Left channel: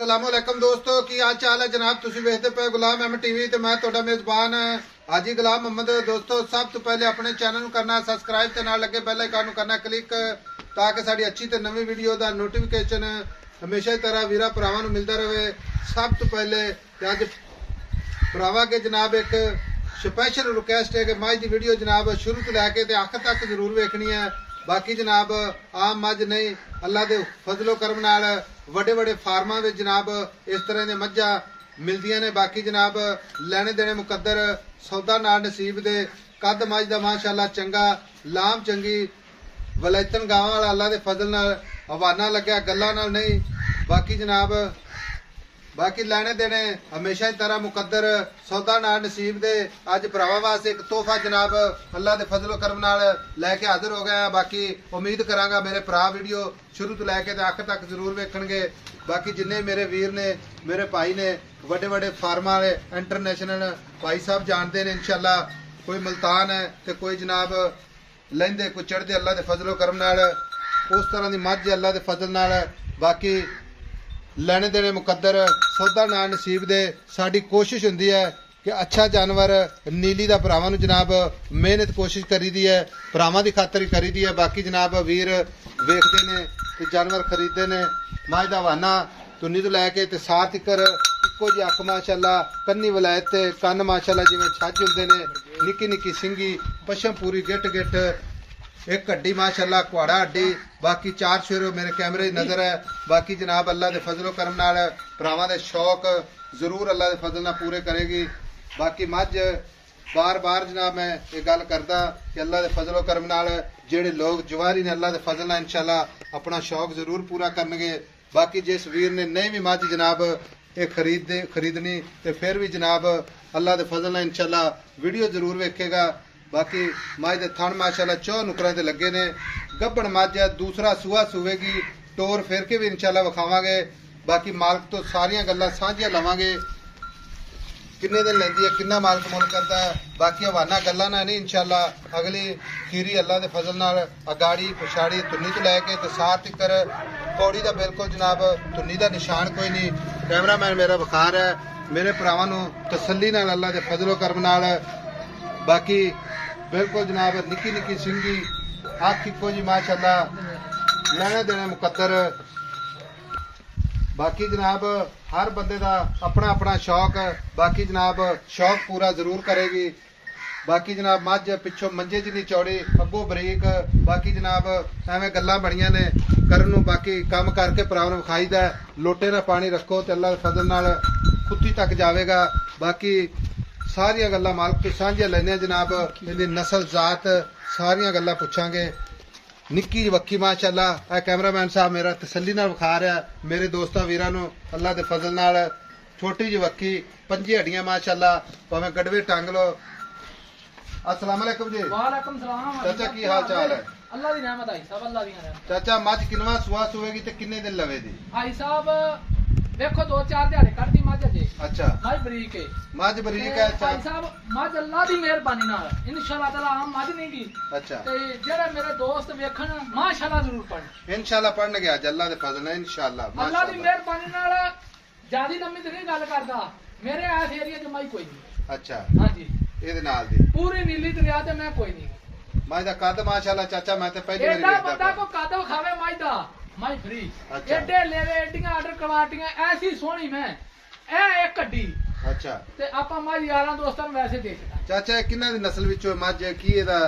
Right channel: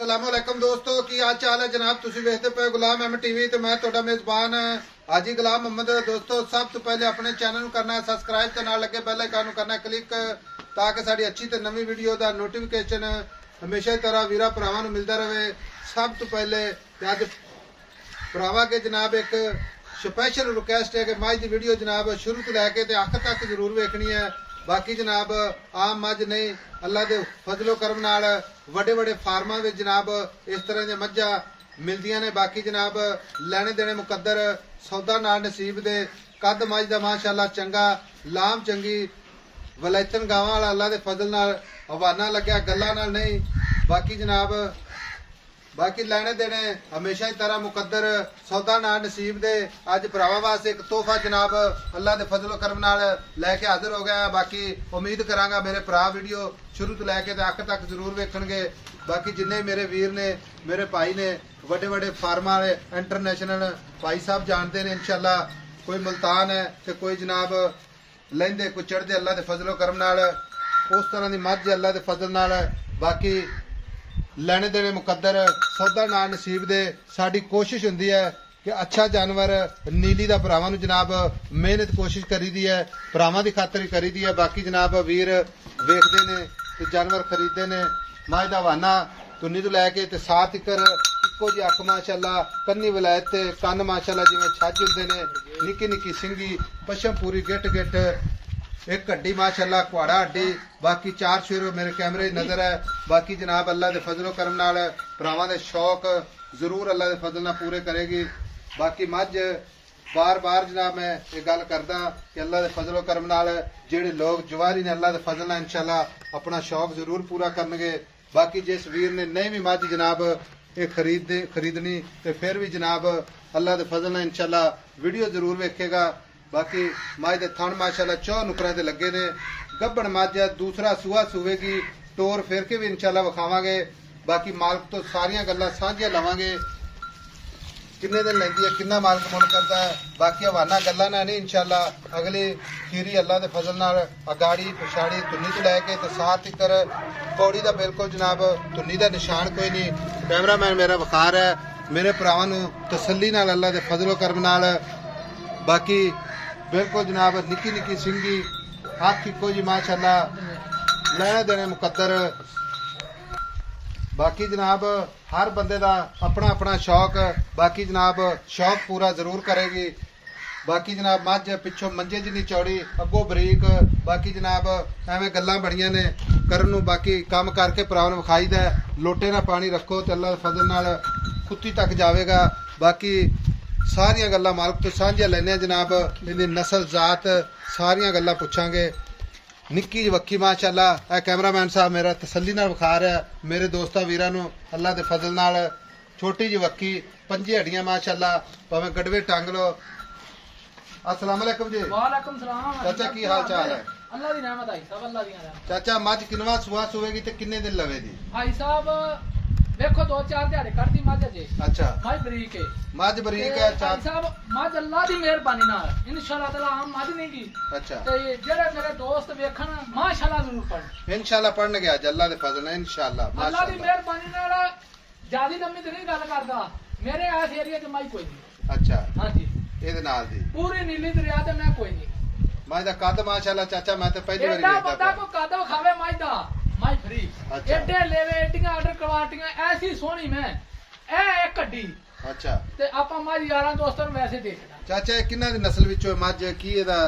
अस्सलामुअलैकुम दोस्तों की हाल चाल है जनाब। तुसी वेखदे पे गुलाम अहमद टीवी ते मैं तुहाडा मेजबान हाजी गुलाम मोहम्मद। दोस्तों सब तो पहले अपने चैनल नूं करना है सबसक्राइब ते नाल लगे बेल आइकन नूं करना है क्लिक ताकि साडी अच्छी ते नवी वीडियो दा नोटिफिकेशन हमेशा की तरह वीरा भरावां नूं मिलदा रहे। सब तो पहले अज भरावां के जनाब एक स्पैशल रिक्वेस्ट है कि मझ की वीडियो जनाब शुरू तो लैके ते आखिर तक जरूर वेखनी है। बाकी जनाब आम मझ नहीं अल्लाह के फजलो करम नाल वड्डे वड्डे फार्मां विच जनाब इस तरह दी मझां मिलदियां ने। बाकी जनाब लैने देने मुकद्दर सौदा नाल नसीब दे कद मझ दा माशाअल्लाह चंगा लाम चंगी वलैतन गावां वाला अल्लाह दे फजल नाल हवाना लग्या गल्लां नाल नहीं। बाकी जनाब बाकी लैने देने हमेशा की तरह मुकद्दर सौदा नाल नसीब दे अज भरावां वास्ते एक तोहफा जनाब अल्लाह दे फजलो करम नाल लैके हाजिर हो गया। बाकी उम्मीद करांगा मेरे भरा वीडियो शुरू तो लैके ते आखिर तक जरूर वेखणगे। बाकी जिन्ने मेरे वीर ने मेरे भाई ने वड्डे वड्डे फार्मां वाले इंटरनेशनल भाई साहब जानते हैं इंशाअल्लाह। कोई मुल्तान है तो कोई जनाब लैंदे कोई चढ़दे अल्लाह दे फजलो करम नाल उस तरह की मझ अल्लाह दे फजल नाल। बाकी लैने देने मुकद्दर सौदा ना नसीब दे साडी कोशिश हुंदी है कि अच्छा जानवर नीली दा भरावां नूं जनाब मेहनत कोशिश करी दी है भरावां दी खातर ही करी दी है। बाकी जनाब वीर वेखदे ने ते जानवर खरीदते ने मझ दा हवाना कुन्नी तो लैके ते साथ इकर इक्को जी अख माशाअल्लाह कन्नी वलैत ते कन्न माशाअल्लाह जिवें छज हुंदे ने निक्की निक्की सिंगी पशम पूरी गिट गिट एक हड्डी माशाअल्लाह कुआड़ा हड्डी। बाकी चार शेर मेरे कैमरे नजर है। बाकी जनाब अल्लाह दे फजलो करम नाल भरावां दे शौक जरूर अल्लाह दे फजल नाल पूरे करेगी। बाकी मझ बार बार जनाब मैं ये गल करदा कि अल्लाह दे फजलो करम नाल जेड़े लोग जवारी ने अल्लाह दे फजल नाल इंशाअल्लाह अपना शौक जरूर पूरा करनगे। बाकी जिस वीर ने नहीं भी मझ जनाब ये खरीदनी तो फिर भी जनाब अल्लाह दे फजल नाल इंशाअल्लाह वीडियो जरूर वेखेगा। बाकी मझ दे थण माशाअल्लाह 4 नुकरां ते लगे ने गब्बण मझ है दूसरा सूआ सूवेगी टोर फिर के भी इंशाअल्लाह विखावांगे। बाकी मालक तो सारियां गल्लां साझियां लवांगे किन्ने दिन लैंदी है किन्ना मालक मुल करता है। बाकी हवाना गल्लां ना नहीं इंशाअल्लाह अगली खीरी अल्लाह दे फजल नाल अगाड़ी पछाड़ी तुन्नी तो लैके ते साथ तिकर पौड़ी दा बिल्कुल जनाब तुन्नी दा निशान कोई नहीं। कैमरामैन मेरा विखा रहा है मेरे भरावां नूं तसल्ली नाल अल्लाह दे फजलो करम नाल। बाकी बिल्कुल जनाब निक्की निक्की सिंगी हाथ इक्को जी माशाअल्लाह लैने देने मुकद्दर। बाकी जनाब हर बंदे दा अपना अपना शौक बाकी जनाब शौक पूरा जरूर करेगी। बाकी जनाब मझ पिछों मंजे जिन्नी चौड़ी अगों बरीक। बाकी जनाब एवें गल्लां बड़ियां ने करन नूं बाकी काम करके भरावां नूं विखाईदा लोटे ना पानी रखो ते अल्लाह दे फजल नाल खुत्ती तक जावेगा। बाकी सारियां गल्लां मालक तो सांझियां लैने जनाब इहदी नस्ल जात सारियां गल्लां पुछांगे। निक्की वक्की माशाअल्लाह कैमरामैन साहब मेरा तसल्ली नाल विखा रहा मेरे दोस्तां वीरां नूं अल्लाह दे फजल नाल छोटी जी वक्की 5 हड्डियां माशाअल्लाह भावें गड़वे टांग लो। अस्सलाम वालेकुम जी। वालेकुम सलाम चाचा की हाल चाल है? अल्लाह दी रहमत आई साहब अल्लाह दी रहमत। चाचा मझ किनवा सुआ सुवेगी ते किन्ने दिन लवेगी? आई साहब देखो 2-4 दिहाड़े कटदी मझ जे। अच्छा मझ बरीक है मझ बरीक है आई साहब मझ अल्लाह दी मेहरबानी नाल इंशाअल्लाह ताला आम मझ नहीं की। अच्छा ते जेड़े मेरे दोस्त वेखण माशाअल्लाह जरूर पढ़न इंशाअल्लाह पढ़न गया अल्लाह दे फजल नाल इंशाअल्लाह अल्लाह दी मेहरबानी नाल ज्यादा लम्मी ते नहीं गल करदा मेरे इस एरिया च मझ कोई नहीं। अच्छा हां जी एदे नाल दी पूरी नीली दरिया ते मैं कोई नहीं। मझ दा कद माशाअल्लाह चाचा मैं ते पहली बार देखदा बंदा को कद खावे मझ दा मझ फ्री एडे लेवे एडियां आर्डर कवाटियां ऐसी सोहनी मैं ए एक हड्डी। अच्छा ते आपां मझ यारां दोस्तां नूं वैसे दे देना। चाचा किन्ना दी नस्ल विचों मझ की एदा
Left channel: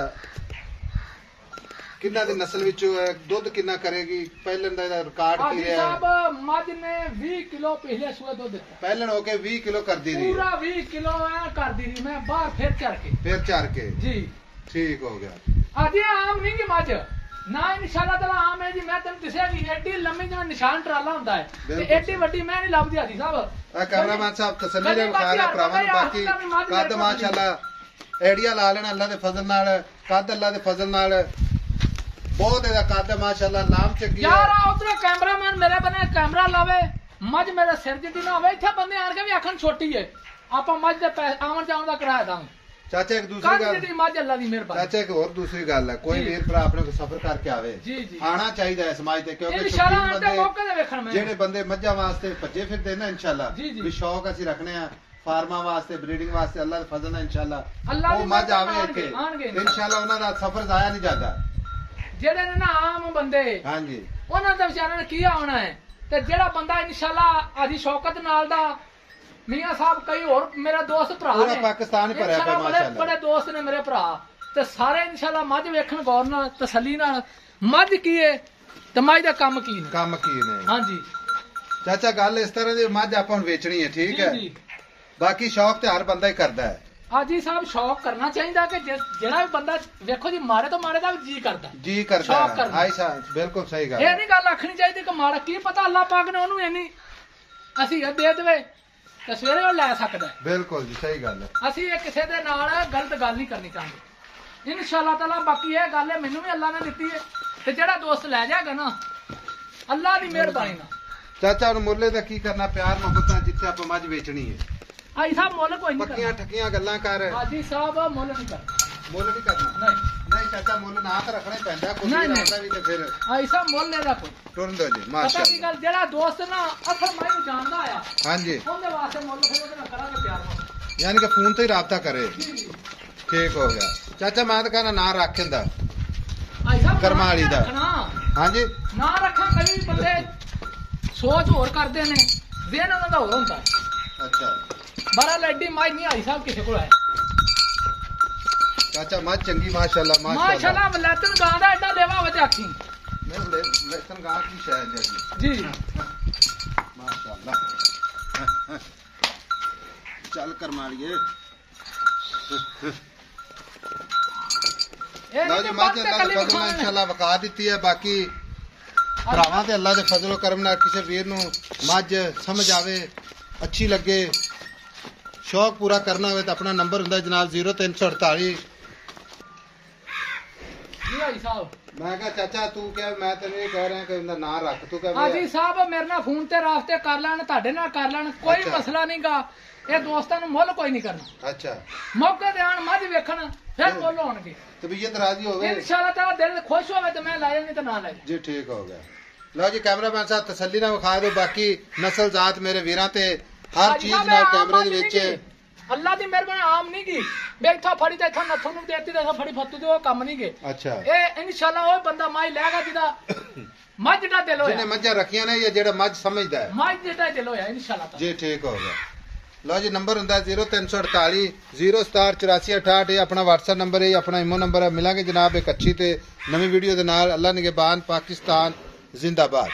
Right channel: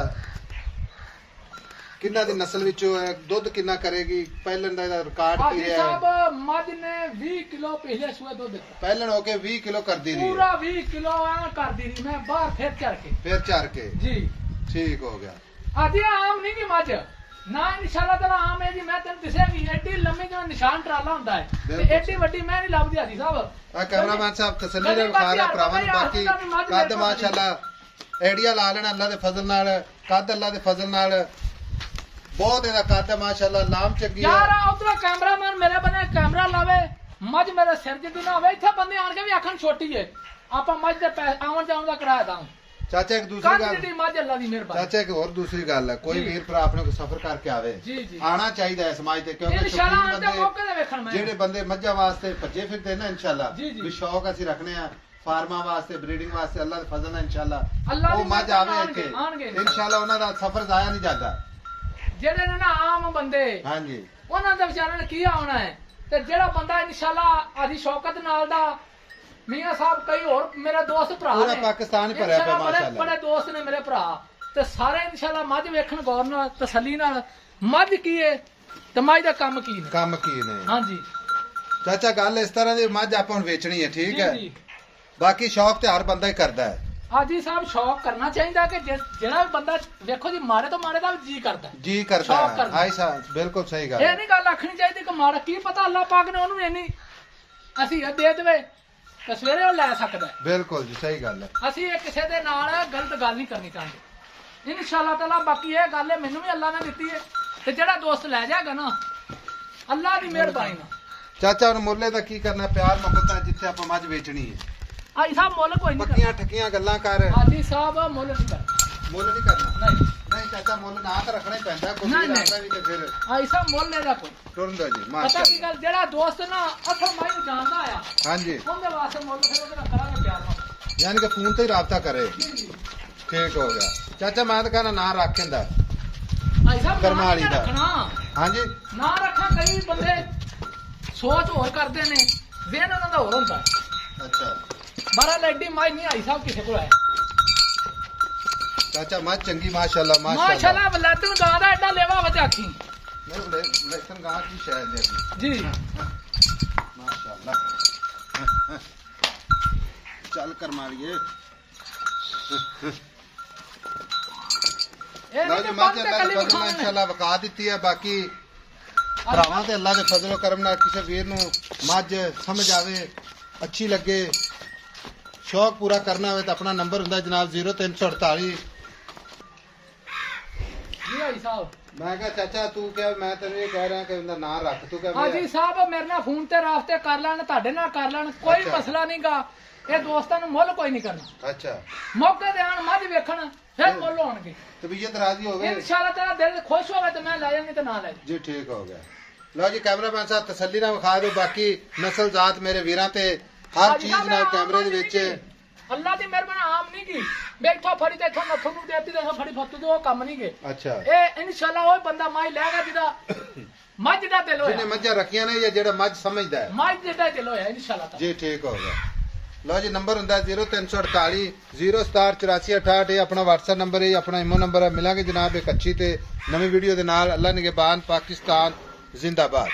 किन्ना दी नस्ल विचों दुध किन्ना करेगी? पहलन दा रिकॉर्ड की है साहब मझ ने 20 किलो पिछले सूए दुध दिता पहलन होके 20 किलो कर दी रही पूरा 20 किलो ऐ कर दी रही मैं बाहर फिर चढ़ के जी ठीक हो गया। अजे आम नहीं की मझ ना इंशाअल्लाह ताला आम है जी। मैं तेन दसेगी एडी लम्मी जिवें निशान ट्राला हुंदा है ते एडी वड्डी मैं नहीं लभदी हाजी साहब। कैमरामैन साहब तसल्ली दे विखा रहा भरावां बाकी कद माशाअल्लाह एडिया ला लेना अल्लाह दे फजल नाल कद अल्लाह दे फजल नाल बहुत एदा कद माशाअल्लाह लाम चंगी यार। उधर कैमरामैन मेरे बने कैमरा लावे मझ मेरे सिर जिद्दी ना होवे इत्थे बंदे आण के भी आखन छोटी है आपां मझ दे आवन जावन दा किराया दां ਚਾਚਾ ਇੱਕ ਦੂਸਰੀ ਗੱਲ ਮੱਝ ਅੱਲਾ ਦੀ ਮਿਹਰਬਾਨੀ। ਚਾਚਾ ਇੱਕ ਹੋਰ ਦੂਸਰੀ ਗੱਲ ਹੈ, ਕੋਈ ਵੀਰ ਭਰਾ ਆਪਣੇ ਕੋ ਸਫ਼ਰ ਕਰਕੇ ਆਵੇ ਆਣਾ ਚਾਹੀਦਾ ਹੈ ਸਮਾਜ ਤੇ, ਕਿਉਂਕਿ ਜਿਹੜੇ ਬੰਦੇ ਮੱਝਾਂ ਵਾਸਤੇ ਭੱਜੇ ਫਿਰਦੇ ਨਾ ਇਨਸ਼ਾਅੱਲਾ ਵੀ ਸ਼ੌਕ ਅਸੀਂ ਰੱਖਣੇ ਆ ਫਾਰਮਾਂ ਵਾਸਤੇ ਬਰੀਡਿੰਗ ਵਾਸਤੇ, ਅੱਲਾ ਦਾ ਫਜ਼ਲ ਹੈ ਇਨਸ਼ਾਅੱਲਾ ਉਹ ਮੱਝ ਆਵੇ ਇੱਥੇ ਇਨਸ਼ਾਅੱਲਾ ਉਹਨਾਂ ਦਾ ਸਫ਼ਰ ਜ਼ਾਇਆ ਨਹੀਂ ਜਾਂਦਾ। ਜਿਹੜੇ ਨੇ ਨਾ ਆਮ ਬੰਦੇ ਹਾਂਜੀ ਉਹਨਾਂ ਦਾ ਵਿਚਾਰਿਆਂ ਨੇ ਕੀ ਆਉਣਾ ਹੈ, ਤੇ ਜਿਹੜਾ ਬੰਦਾ ਇਨਸ਼ਾਅੱਲਾ ਆਦੀ ਸ਼ੌਕਤ ਨਾਲ ਦਾ ਮੀਆਂ ਸਾਹਿਬ ਕਈ ਹੋਰ ਮੇਰਾ ਦੋਸਤ ਭਰਾ ਨੇ ਪਾਕਿਸਤਾਨ ਭਰਿਆ ਪਿਆ ਮਾਸ਼ਾਅੱਲਾ, ਬੜੇ ਦੋਸਤ ਨੇ ਮੇਰੇ ਭਰਾ, ਤੇ ਸਾਰੇ ਇਨਸ਼ਾਅੱਲਾ ਮੱਝ ਵੇਖਣ ਗੌਰ ਨਾਲ ਤਸੱਲੀ ਨਾਲ ਮੱਝ ਕੀ ਹੈ ਤੇ ਮੱਝ ਦਾ ਕੰਮ ਕੀ ਨੇ। ਹਾਂਜੀ ਚਾਚਾ ਗੱਲ ਇਸ ਤਰ੍ਹਾਂ ਦੀ ਮੱਝ ਆਪਾਂ ਹੁਣ ਵੇਚਣੀ ਹੈ, ਠੀਕ ਹੈ, ਬਾਕੀ ਸ਼ੌਕ ਤੇ ਹਰ ਬੰਦਾ ਹੀ ਕਰਦਾ ਹੈ। ਹਾਜੀ ਸਾਹਿਬ ਸ਼ੌਕ ਕਰਨਾ ਚਾਹੀਦਾ ਕਿ ਜਿਹੜਾ ਬੰਦਾ ਵੇਖੋ ਜੀ ਮਾੜੇ ਤੋਂ ਮਾੜੇ ਦਾ ਵੀ ਜੀ ਕਰਦਾ ਬਿਲਕੁਲ ਸਹੀ ਗੱਲ, ਇਹ ਨਹੀਂ ਗੱਲ ਆਖਣੀ ਚਾਹੀਦੀ ਕਿ ਮਾੜਾ, ਕੀ ਪਤਾ ਅੱਲਾਹ ਪਾਕ ਨੇ ਉਹਨੂੰ ਇੰਨੀ ਅਸੀਂ ਦੇ ਦੇਵੇ ਤੇ ਸਵੇਰੇ ਉਹ ਲੈ ਸਕਦਾ। ਬਿਲਕੁਲ ਜੀ ਸਹੀ ਗੱਲ ਹੈ, ਅਸੀਂ ਇਹ ਕਿਸੇ ਦੇ ਨਾਲ ਗਲਤ ਗੱਲ ਨਹੀਂ ਕਰਨੀ ਚਾਹੁੰਦੇ ਇਨਸ਼ਾਅੱਲਾ ਤਾਲਾ। ਬਾਕੀ ਇਹ ਗੱਲ ਹੈ ਮੈਨੂੰ ਵੀ ਅੱਲਾਹ ਨੇ ਦਿੱਤੀ ਹੈ ਤੇ ਜਿਹੜਾ ਦੋਸਤ ਲੈ ਜਾਏਗਾ ਨਾ ਅੱਲਾਹ ਦੀ ਮਿਹਰਬਾਨੀ ਨਾਲ। ਚਾਚਾ ਹੁਣ ਮੁੱਲੇ ਦਾ ਕੀ ਕਰਨਾ, ਪਿਆਰ ਮੁਹੱਬਤ ਜਿੱਥੇ ਆਪਾਂ ਮੱਝ ਵੇਚਣੀ ਹੈ। ਹਾਜੀ ਸਾਹਿਬ ਮੁੱਲ ਕੋਈ ਨਹੀਂ ਕਰਨਾ, ਠੱਕੀਆਂ ਗੱਲਾਂ ਕਰ। ਹਾਜੀ ਸਾਹਿਬ ਮੁੱਲ ਨਹੀਂ ਕਰਨਾ, ਮੁੱਲ ਨਹੀਂ ਕਰਨਾ ਨਹੀਂ ਚਾਚਾ, ਮੁੱਲ ਨਾ ਤਾਂ ਰੱਖਣਾ ਹੀ ਪੈਂਦਾ ਕੁਝ ਵੀ ਤੇ ਫਿਰ ਹਾਜੀ ਸਾਹਿਬ ਮੁੱਲ ਇਹਦਾ ਕੋਈ ਸੁਣ ਦੋ ਜੀ ਪਤਾ ਕੀ ਗੱਲ, ਜਿਹੜਾ ਦੋਸਤ ਨਾ ਅਸਲ ਮਾਈ ਨੂੰ ਜਾਣਦਾ ਆ ਹਾਂਜੀ ਉਹਦੇ ਵਾਸਤੇ ਮੁੱਲ ਫਿਰ ਉਹਦੇ ਨਾਲ ਕਰਾਂਗੇ ਪਿਆਰ ਨਾਲ, ਯਾਨੀ ਕਿ ਫੋਨ ਤੇ ਹੀ ਰਾਬਤਾ ਕਰੇ। ਠੀਕ ਹੋ ਗਿਆ ਚਾਚਾ, ਮੈਂ ਤਾਂ ਕਹਿੰਦਾ ਨਾਂ ਰੱਖਦਾ ਕਰਮਾ ਵਾਲੀ ਦਾ। ਹਾਂਜੀ ਨਾ ਰੱਖਾਂ, ਕਈ ਬੰਦੇ ਸੋਚ ਹੋਰ ਕਰਦੇ ਨੇ, ਵੇਨ ਉਹਨਾਂ ਦਾ ਹੋਰ ਹੁੰਦਾ। ਅੱਛਾ ਬਾਰਾ ਲੈਡੀ ਮਾਈ ਨਹੀਂ ਆਈ ਸਾਹਿਬ ਕਿਸੇ ਕੋਲ ਹੈ ਚਾਚਾ, ਮੱਝ ਚੰਗੀ ਮਾਸ਼ਾਅੱਲਾ ਮਾਸ਼ਾਅੱਲਾ ਵਲੈਤਨ ਗਾਂ ਦਾ ਐਡਾ ਲੇਵਾ ਵਜੇ ਆਖੀ ਲੈਤਨ ਗਾਂ ਕੀ ਸ਼ਾਇਦ ਜੀ ਮਾਸ਼ਾਅੱਲਾ। ਚੱਲ ਕਰ ਮਾਰੀਏ ਲਓ ਜੀ, ਮੱਝ ਅੱਲਾ ਦੇ ਫਜ਼ਲ ਨਾਲ ਇਨਸ਼ਾਅੱਲਾ ਵਕਾ ਦਿੱਤੀ ਹੈ। ਬਾਕੀ ਭਰਾਵਾਂ ਤੇ ਅੱਲਾ ਦੇ ਫਜ਼ਲ ਕਰਮ ਨਾਲ ਕਿਸੇ ਵੀਰ ਨੂੰ ਮੱਝ ਸਮਝ ਆਵੇ, ਅੱਛੀ ਲੱਗੇ, ਸ਼ੌਕ ਪੂਰਾ ਕਰਨਾ ਹੋਵੇ ਤਾਂ ਆਪਣਾ ਨੰਬਰ ਹੁੰਦਾ ਜਨਾਬ 0348। ਜੀ ਹਾਜੀ ਸਾਹਿਬ ਮੈਂ ਕਿਹਾ ਚਾਚਾ ਤੂੰ ਕਿਹਾ, ਮੈਂ ਤੈਨੂੰ ਇਹ ਕਹਿ ਰਿਹਾ ਕਿ ਉਹਦਾ ਨਾਂ ਰੱਖ, ਤੂੰ ਕਹਿ ਹਾਜੀ ਸਾਹਿਬ ਮੇਰੇ ਨਾਲ ਫੋਨ ਤੇ ਰਾਬਤੇ ਕਰ ਲੈਣ, ਤੁਹਾਡੇ ਨਾਲ ਕਰ ਲੈਣ, ਕੋਈ ਮਸਲਾ ਨਹੀਂਗਾ। ਇਹ ਦੋਸਤਾਂ ਨੂੰ ਮੁੱਲ ਕੋਈ ਨਹੀਂ ਕਰਨਾ। ਅੱਛਾ ਮੌਕੇ ਤੇ ਆਣ ਮੱਝ ਵੇਖਣ ਫਿਰ ਮੁੱਲ ਹੋਣਗੇ, ਤਬੀਅਤ ਰਾਜ਼ੀ ਹੋਵੇ ਇਨਸ਼ਾਅੱਲਾ ਤੇਰਾ ਦਿਲ ਖੁਸ਼ ਹੋਵੇ ਤੇ ਮੈਂ ਲੈ ਜਾਵਾਂਗੀ ਤੇ ਨਾ ਲੈ ਜੀ। ਠੀਕ ਹੋ ਗਿਆ। ਲਓ ਜੀ ਕੈਮਰਾਮੈਨ ਸਾਹਿਬ ਤਸੱਲੀ ਨਾਲ ਵਿਖਾ ਦਿਓ, ਬਾਕੀ ਨਸਲ ਜ਼ਾਤ ਮੇਰੇ ਵੀਰਾਂ ਤੇ ਹਰ ਚੀਜ਼ ਨਾਲ ਕੈਮਰੇ ਦੇ ਵਿੱਚ ਅੱਲਾ ਦੀ ਮਿਹਰਬਾਨੀ ਆਮ ਨਹੀਂ ਗਈ ਬੈਠਾ ਫੜੀ ਤੇ ਇੱਥੋਂ ਨੱਥੋਂ ਨੂੰ ਦੇਤੀ ਤੇ ਫੜੀ ਫੱਤੂ ਦੇ ਉਹ ਕੰਮ ਨਹੀਂ ਗਏ। ਅੱਛਾ ਇਹ ਇਨਸ਼ਾਅੱਲਾ ਉਹ ਬੰਦਾ ਮਾਈ ਲੈਗਾ ਜਿਹਦਾ ਮੱਝ ਦਾ ਦਿਲ ਹੋਇਆ, ਜਿਹਨੇ ਮੱਝਾਂ ਰੱਖੀਆਂ ਨੇ ਜਾਂ ਜਿਹੜਾ ਮੱਝ ਸਮਝਦਾ ਹੈ, ਮੱਝ ਦਾ ਦਿਲ ਹੋਇਆ ਇਨਸ਼ਾਅੱਲਾ ਜੀ। ਠੀਕ ਹੋ ਗਿਆ। ਲਓ ਜੀ ਨੰਬਰ ਹੁੰਦਾ 0348 0678468, ਇਹ ਆਪਣਾ WhatsApp ਨੰਬਰ ਹੈ, ਆਪਣਾ ਇਮੋ ਨੰਬਰ ਹੈ। ਮਿਲਾਂਗੇ ਜਨਾਬ ਇੱਕ ਅੱਛੀ ਤੇ ਨਵੀਂ ਵੀਡੀਓ ਦੇ ਨਾਲ। ਅੱਲਾ ਨਿਗਹਿਬਾਨ, ਪਾਕਿਸਤਾਨ ਜ਼ਿੰਦਾਬਾਦ।